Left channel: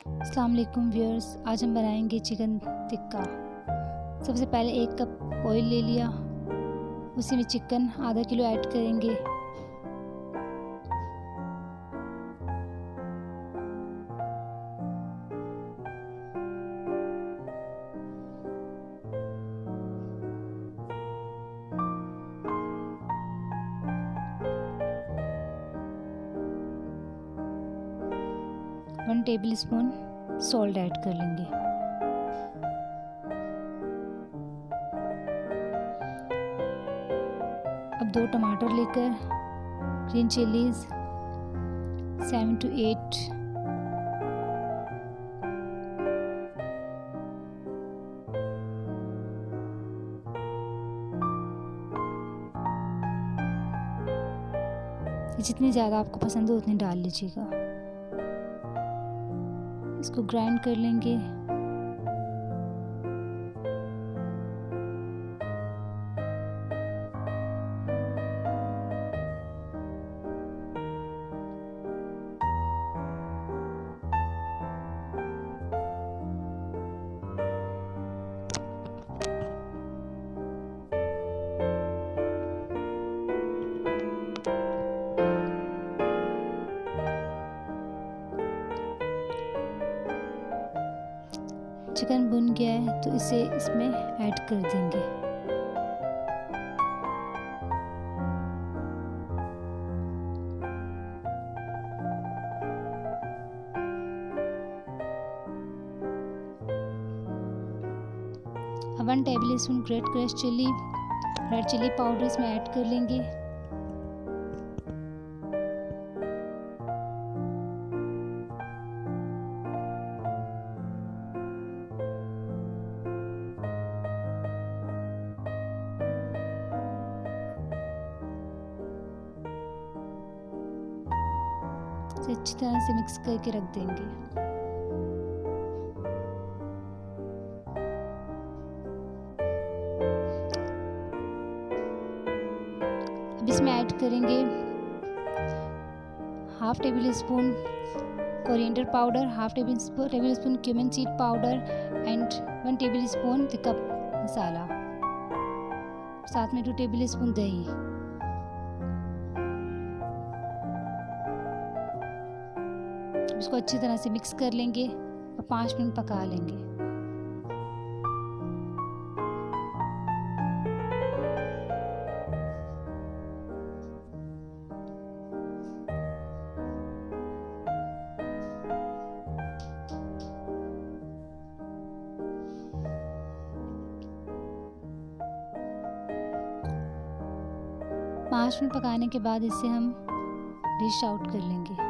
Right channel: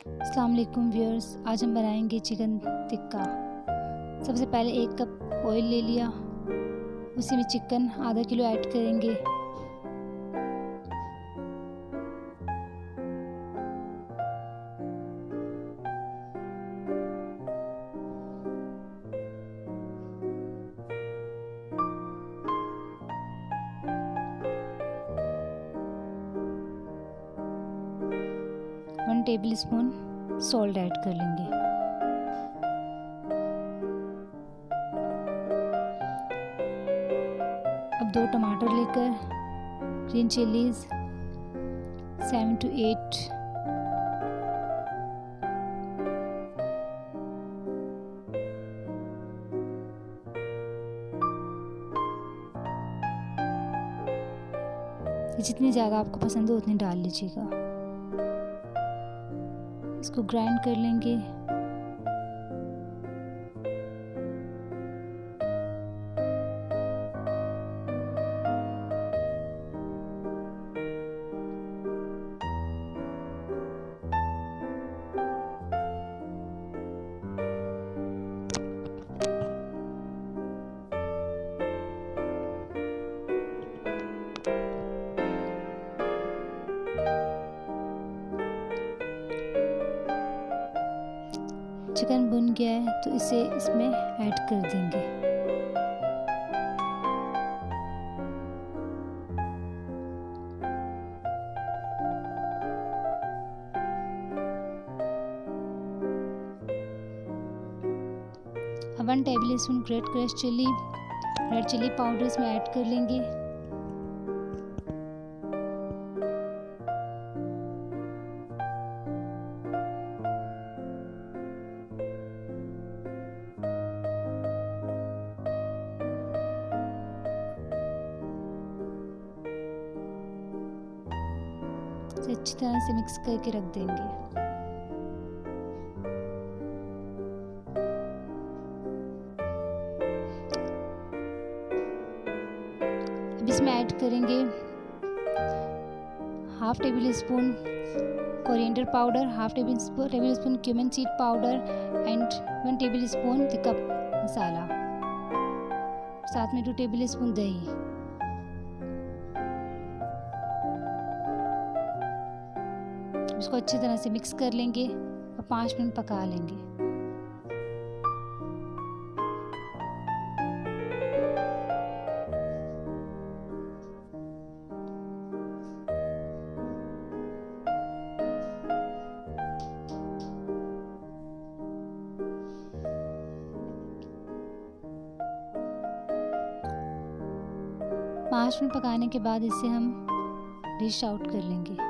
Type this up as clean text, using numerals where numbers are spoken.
अस्सलाम वालेकुम व्यूअर्स, आज हम बनाएंगे चिकन टिक्का। सबसे पहले 1 कप ऑयल ले लिया, उसी में चिकन आधा किलो ऐड करेंगे। One table spoon salt add कर लेंगे। अब 2 टमाटर लेकर ग्रीन चिलीज 7 to 8 जितनी ज़्यादा आपको पसंद हो उतनी डाल लीजिएगा। इसको ग्राइंड कर लेंगे। चिकन भुन गया है तो इसे इसमें ऐड कर देंगे। अब 1 table spoon great crush chilli red chilli powder इसमें ऐड कर लेंगे। इसे अच्छी तरह से मिक्स करके रख देंगे। अब इसमें ऐड करेंगे half tablespoon coriander powder, half tablespoon cumin seed powder and 1 tablespoon tikka masala, साथ में 2 टेबल स्पून दही। इसको अच्छी तरह से मिक्स कर लेंगे और 5 मिनट पका लेंगे। पाँच मिनट पकाने के बाद इसे हम डिश आउट कर लेंगे।